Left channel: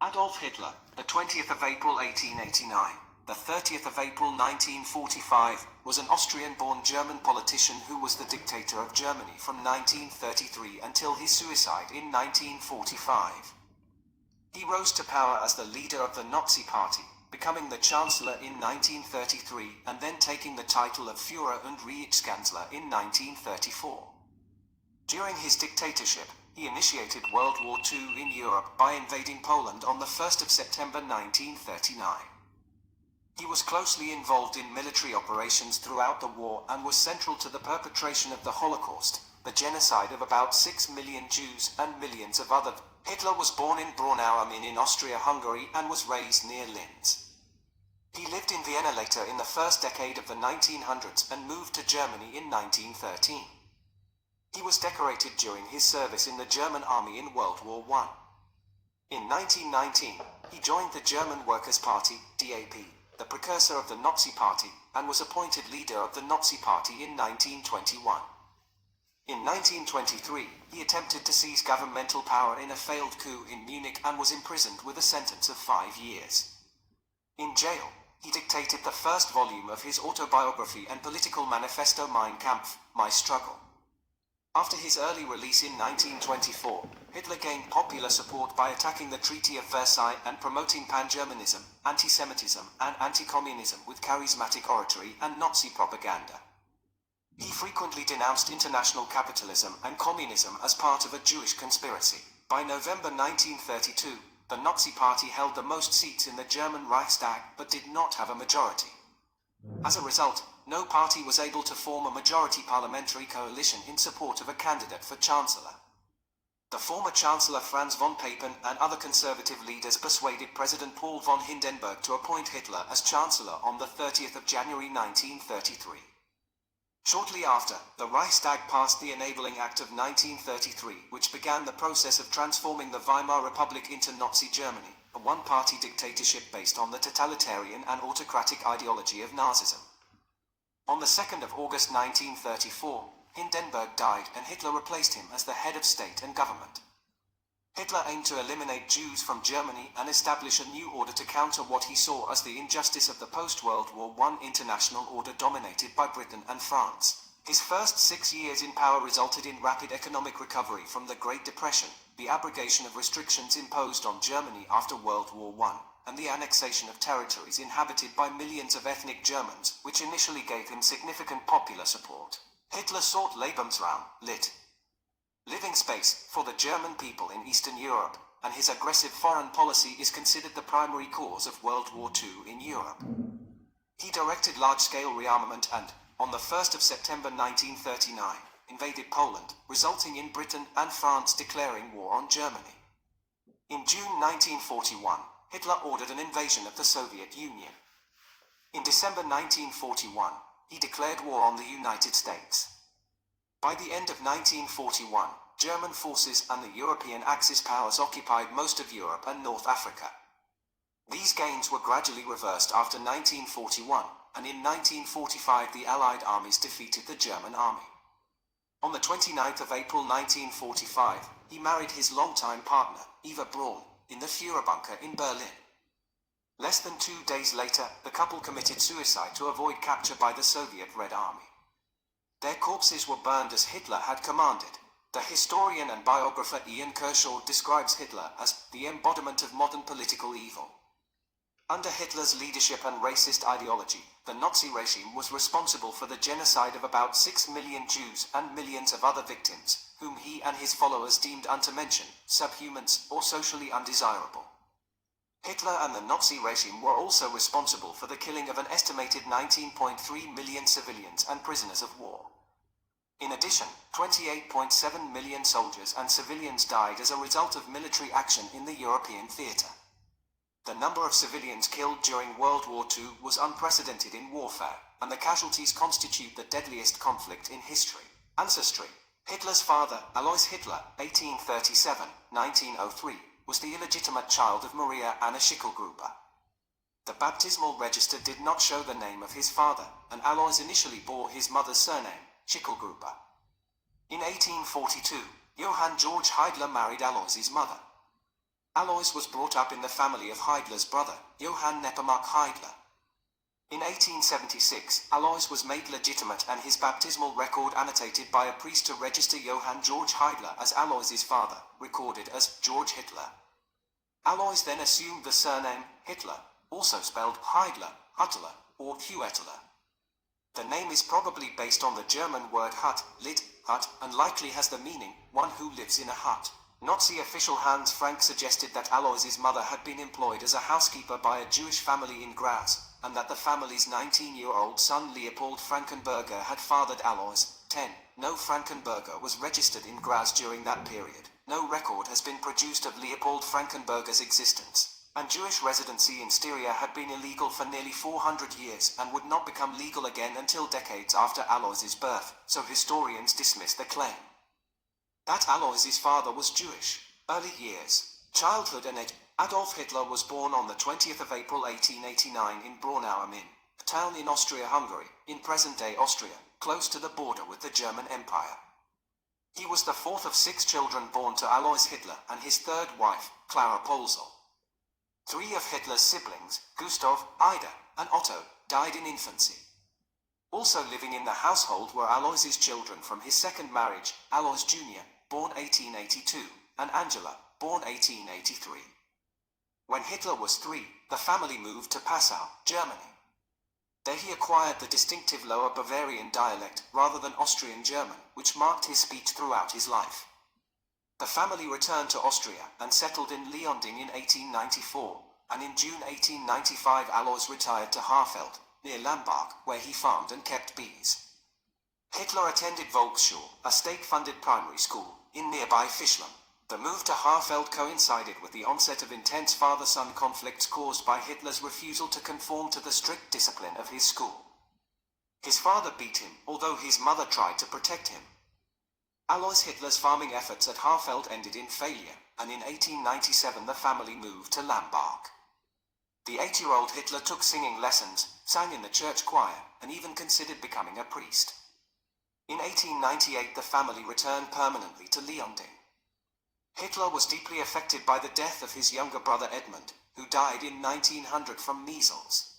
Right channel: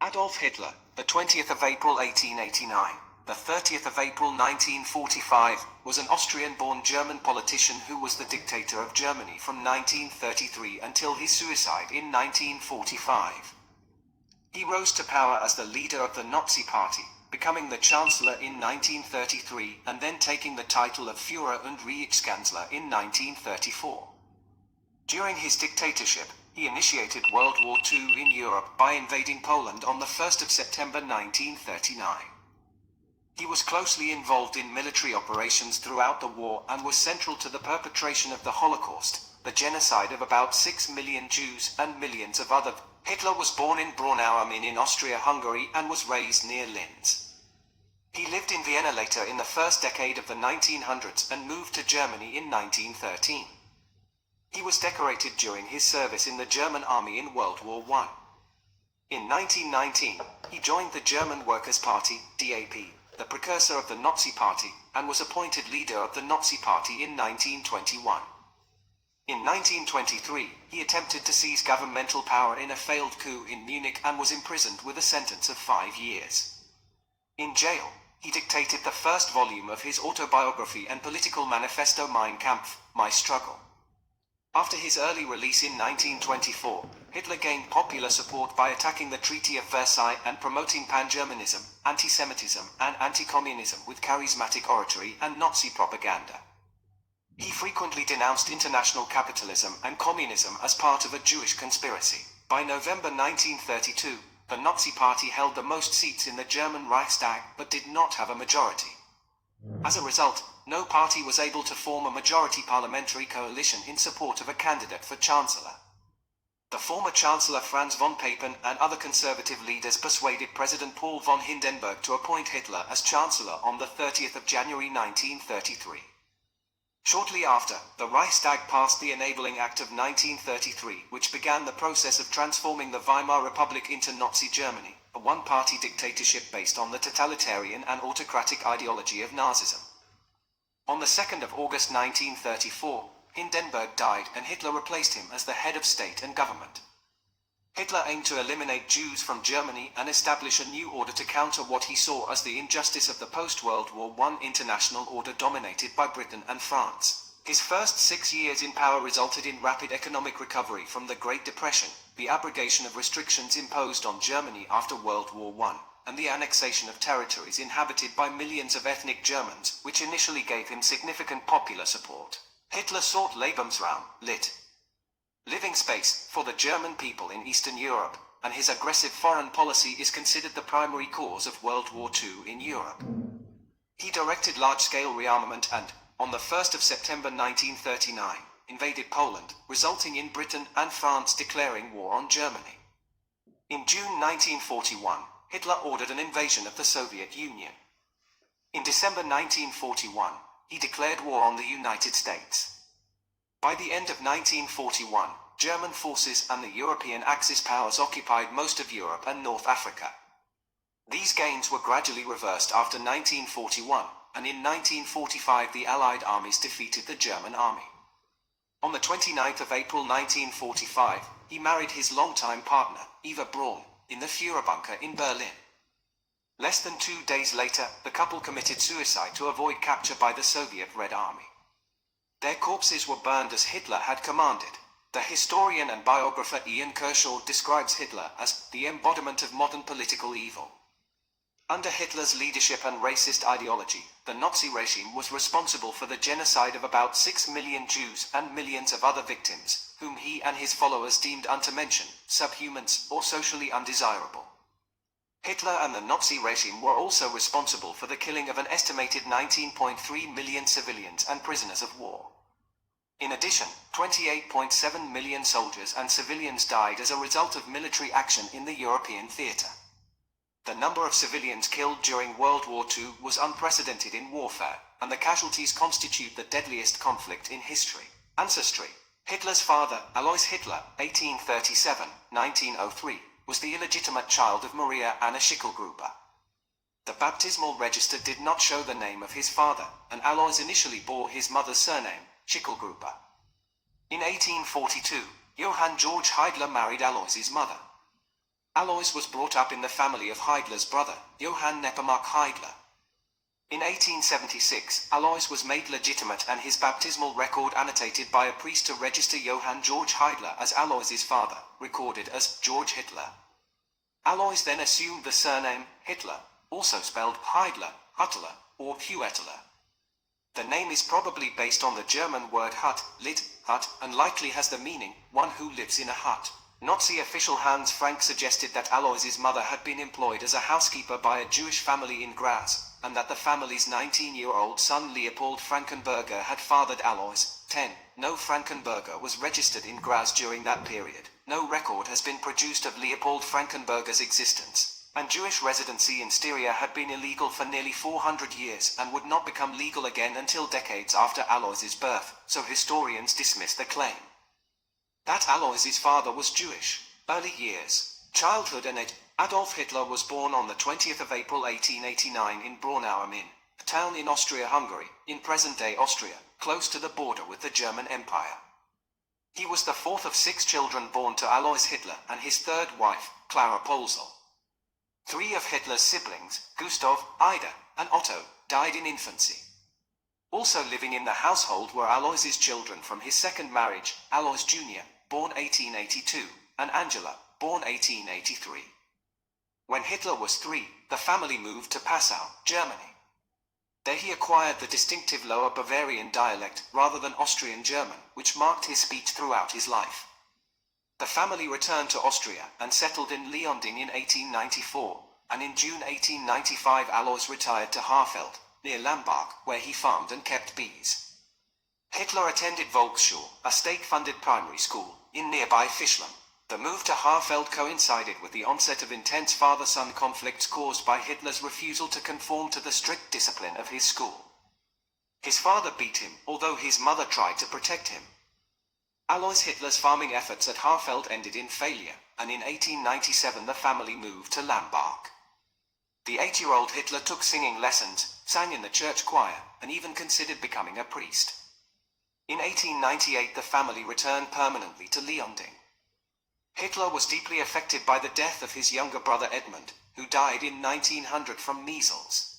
Adolf Hitler, the 20th of April 1889, the 30th of April 1945, was an Austrian-born German politician who was the dictator of Germany from 1933 until his suicide in 1945. He rose to power as the leader of the Nazi Party, becoming the Chancellor in 1933 and then taking the title of Führer und Reichskanzler in 1934. During his dictatorship, he initiated World War II in Europe by invading Poland on the 1st of September 1939. He was closely involved in military operations throughout the war and was central to the perpetration of the Holocaust, the genocide of about 6 million Jews and millions of other. Hitler was born in Braunau am Inn in Austria-Hungary and was raised near Linz. He lived in Vienna later in the first decade of the 1900s and moved to Germany in 1913. He was decorated during his service in the German army in World War I. In 1919, he joined the German Workers' Party, DAP, the precursor of the Nazi Party, and was appointed leader of the Nazi Party in 1921. In 1923, he attempted to seize governmental power in a failed coup in Munich and was imprisoned with a sentence of 5 years. In jail, he dictated the first volume of his autobiography and political manifesto Mein Kampf, My Struggle. After his early release in 1924, Hitler gained popular support by attacking the Treaty of Versailles and promoting pan-Germanism, anti-Semitism, and anti-communism with charismatic oratory and Nazi propaganda. He frequently denounced international capitalism and communism as part of a Jewish conspiracy. By November 1932, the Nazi Party held the most seats in the German Reichstag but did not have a majority. As a result, no party was able to form a majority parliamentary coalition in support of a candidate for Chancellor. The former Chancellor Franz von Papen and other conservative leaders persuaded President Paul von Hindenburg to appoint Hitler as Chancellor on the 30th of January 1933. Shortly after, the Reichstag passed the Enabling Act of 1933, which began the process of transforming the Weimar Republic into Nazi Germany, a one-party dictatorship based on the totalitarian and autocratic ideology of Nazism. On the 2nd of August 1934, Hindenburg died and Hitler replaced him as the head of state and government. Hitler aimed to eliminate Jews from Germany and establish a new order to counter what he saw as the injustice of the post-World War I international order dominated by Britain and France. His first 6 years in power resulted in rapid economic recovery from the Great Depression, the abrogation of restrictions imposed on Germany after World War I, and the annexation of territories inhabited by millions of ethnic Germans, which initially gave him significant popular support. Hitler sought Lebensraum, lit. Living space, for the German people in Eastern Europe, and his aggressive foreign policy is considered the primary cause of World War II in Europe. He directed large-scale rearmament and, on the 1st of September 1939, invaded Poland, resulting in Britain and France declaring war on Germany. In June 1941, Hitler ordered an invasion of the Soviet Union. In December 1941, he declared war on the United States. By the end of 1941, German forces and the European Axis powers occupied most of Europe and North Africa. These gains were gradually reversed after 1941, and in 1945 the Allied armies defeated the German army. On the 29th of April 1945, he married his longtime partner, Eva Braun, in the Führerbunker in Berlin. Less than 2 days later, the couple committed suicide to avoid capture by the Soviet Red Army. Their corpses were burned as Hitler had commanded. The historian and biographer Ian Kershaw describes Hitler as the embodiment of modern political evil. Under Hitler's leadership and racist ideology, the Nazi regime was responsible for the genocide of about 6 million Jews and millions of other victims, whom he and his followers deemed unto mention, subhumans, or socially undesirable. Hitler and the Nazi regime were also responsible for the killing of an estimated 19.3 million civilians and prisoners of war. In addition, 28.7 million soldiers and civilians died as a result of military action in the European theater. The number of civilians killed during World War II was unprecedented in warfare, and the casualties constitute the deadliest conflict in history. Ancestry. Hitler's father, Alois Hitler, 1837-1903, was the illegitimate child of Maria Anna Schicklgruber. The baptismal register did not show the name of his father, and Alois initially bore his mother's surname, Schicklgruber. In 1842, Johann Georg Heidler married Alois's mother. Alois was brought up in the family of Hitler's brother, Johann Nepomuk Hitler. In 1876, Alois was made legitimate and his baptismal record annotated by a priest to register Johann Georg Hitler as Alois's father, recorded as George Hitler. Alois then assumed the surname Hitler, also spelled Heidler, Huttler, or Huetler. The name is probably based on the German word hut, lit, hut, and likely has the meaning, one who lives in a hut. Nazi official Hans Frank suggested that Alois's mother had been employed as a housekeeper by a Jewish family in Graz, and that the family's 19-year-old son Leopold Frankenberger had fathered Alois. 10. No Frankenberger was registered in Graz during that period. No record has been produced of Leopold Frankenberger's existence, and Jewish residency in Styria had been illegal for nearly 400 years and would not become legal again until decades after Alois's birth, so historians dismiss the claim that Alois's father was Jewish. Early years, childhood and age. Adolf Hitler was born on the 20th of April 1889 in Braunau am Inn, a town in Austria-Hungary, in present-day Austria, close to the border with the German Empire. He was the fourth of 6 children born to Alois Hitler and his third wife, Clara Polzel. 3 of Hitler's siblings, Gustav, Ida, and Otto, died in infancy. Also living in the household were Alois's children from his second marriage, Alois Jr., born 1882, and Angela, born 1883. When Hitler was 3, the family moved to Passau, Germany. There he acquired the distinctive Lower Bavarian dialect rather than Austrian-German, which marked his speech throughout his life. The family returned to Austria and settled in Leonding in 1894, and in June 1895 Alois retired to Haarfeld, near Lambach, where he farmed and kept bees. Hitler attended Volksschule, a state-funded primary school, in nearby Fischln. The move to Haarfeld coincided with the onset of intense father-son conflicts caused by Hitler's refusal to conform to the strict discipline of his school. His father beat him, although his mother tried to protect him. Alois Hitler's farming efforts at Haarfeld ended in failure, and in 1897 the family moved to Lambach. The 8-year-old Hitler took singing lessons, sang in the church choir, and even considered becoming a priest. In 1898 the family returned permanently to Leonding. Hitler was deeply affected by the death of his younger brother Edmund, who died in 1900 from measles.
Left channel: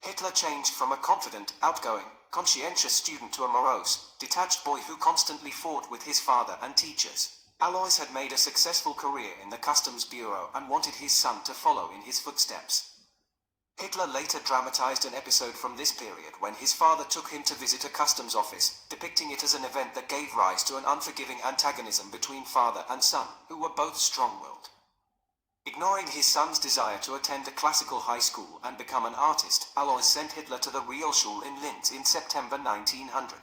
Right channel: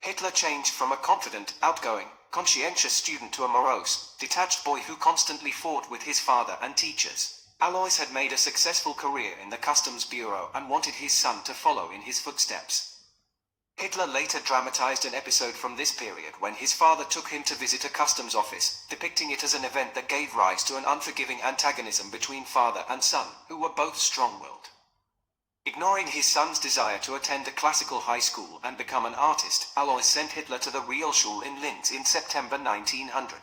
Hitler changed from a confident, outgoing, conscientious student to a morose, detached boy who constantly fought with his father and teachers. Alois had made a successful career in the Customs Bureau and wanted his son to follow in his footsteps. Hitler later dramatized an episode from this period when his father took him to visit a customs office, depicting it as an event that gave rise to an unforgiving antagonism between father and son, who were both strong-willed. Ignoring his son's desire to attend a classical high school and become an artist, Alois sent Hitler to the Realschule in Linz in September 1900.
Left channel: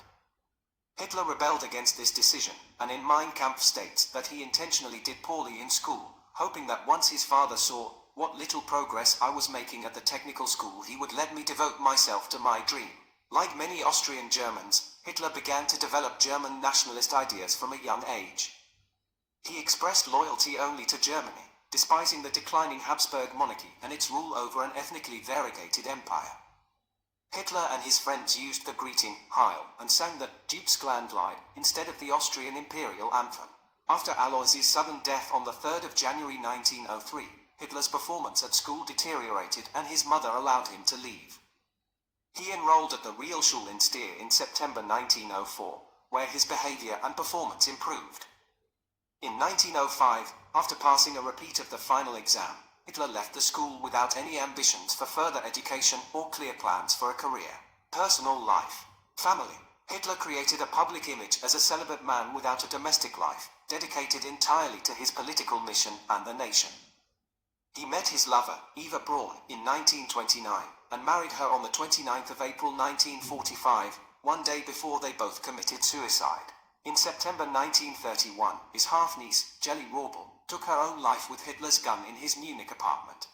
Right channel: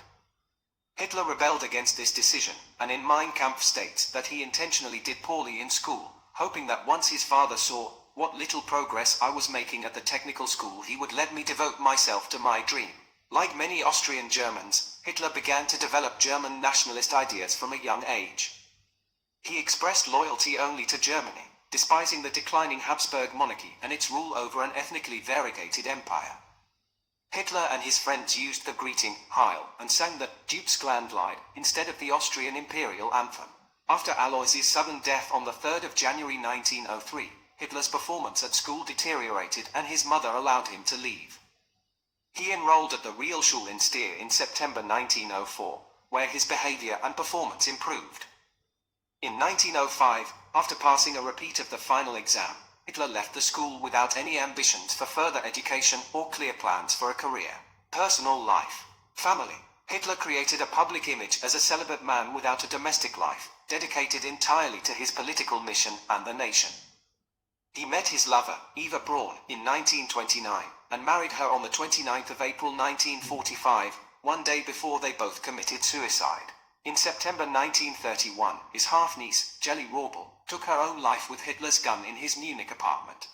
Hitler rebelled against this decision, and in Mein Kampf states that he intentionally did poorly in school, hoping that once his father saw what little progress I was making at the technical school he would let me devote myself to my dream. Like many Austrian Germans, Hitler began to develop German nationalist ideas from a young age. He expressed loyalty only to Germany, despising the declining Habsburg monarchy and its rule over an ethnically variegated empire. Hitler and his friends used the greeting, Heil, and sang the Deutschlandlied instead of the Austrian imperial anthem. After Alois's sudden death on the 3rd of January 1903, Hitler's performance at school deteriorated and his mother allowed him to leave. He enrolled at the Realschule in Stier in September 1904, where his behavior and performance improved. In 1905, after passing a repeat of the final exam, Hitler left the school without any ambitions for further education or clear plans for a career. Personal life. Family. Hitler created a public image as a celibate man without a domestic life, dedicated entirely to his political mission and the nation. He met his lover, Eva Braun, in 1929, and married her on the 29th of April 1945, one day before they both committed suicide. In September 1931, his half-niece, Jelly Rorbel, took her own life with Hitler's gun in his Munich apartment.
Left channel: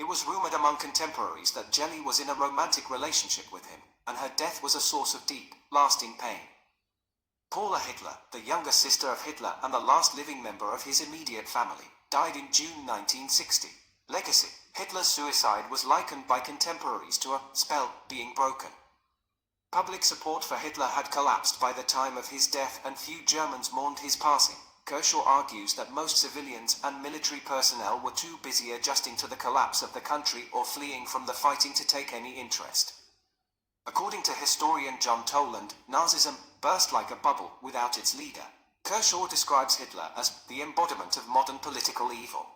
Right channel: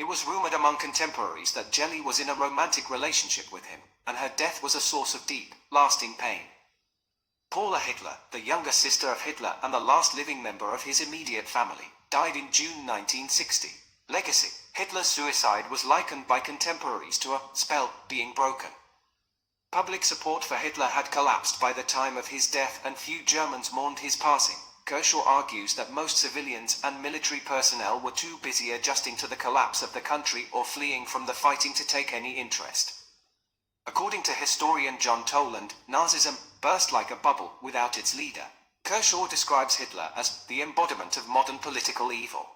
It was rumored among contemporaries that Jelly was in a romantic relationship with him, and her death was a source of deep, lasting pain. Paula Hitler, the younger sister of Hitler and the last living member of his immediate family, died in June 1960. Legacy. Hitler's suicide was likened by contemporaries to a spell being broken. Public support for Hitler had collapsed by the time of his death and few Germans mourned his passing, Kershaw argues that most civilians and military personnel were too busy adjusting to the collapse of the country or fleeing from the fighting to take any interest. According to historian John Toland, Nazism burst like a bubble without its leader. Kershaw describes Hitler as the embodiment of modern political evil.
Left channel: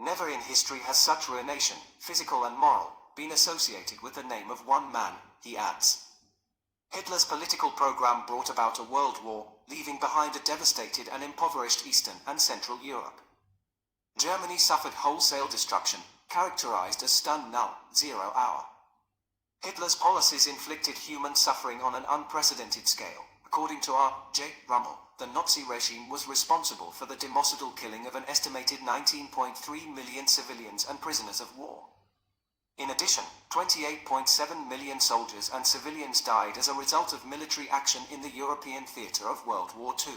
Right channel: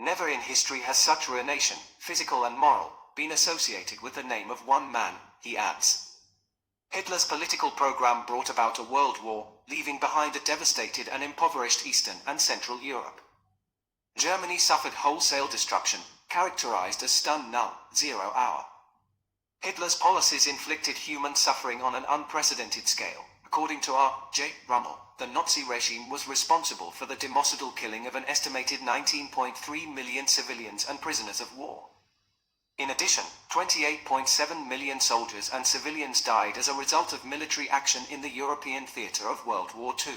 Never in history has such ruination, physical and moral, been associated with the name of one man, he adds. Hitler's political program brought about a world war, leaving behind a devastated and impoverished Eastern and Central Europe. Germany suffered wholesale destruction, characterized as stun null, 0 hour. Hitler's policies inflicted human suffering on an unprecedented scale. According to R. J. Rummel, the Nazi regime was responsible for the democidal killing of an estimated 19.3 million civilians and prisoners of war. In addition, 28.7 million soldiers and civilians died as a result of military action in the European theater of World War II.